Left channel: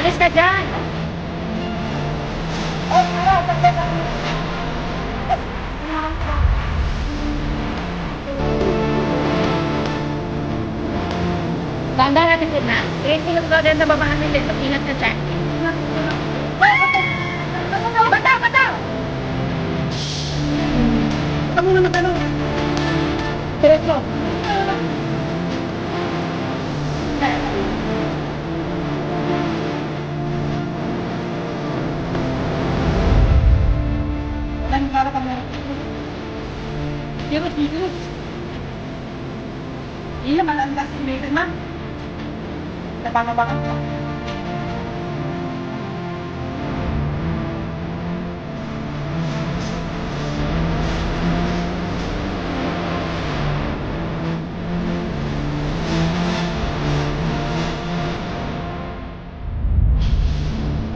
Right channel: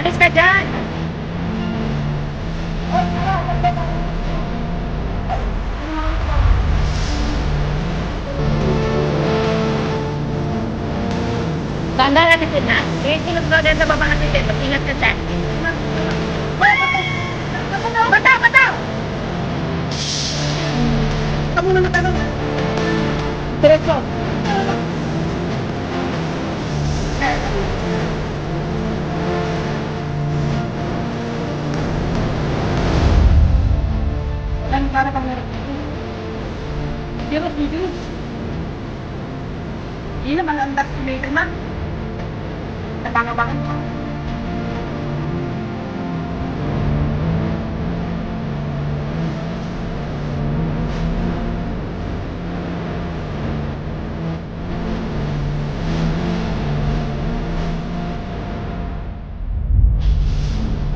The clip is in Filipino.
Alis ka dyan! Tanda natin din na. Eh, sinong daw din sa baba natin din. Mag-ingat ka dyan. Bataw! Bataw! Ito muna matanong. Diretso. Wala nang para kang meron. Serious. Hindi naman ang das may kalma. Nabangabangan ko.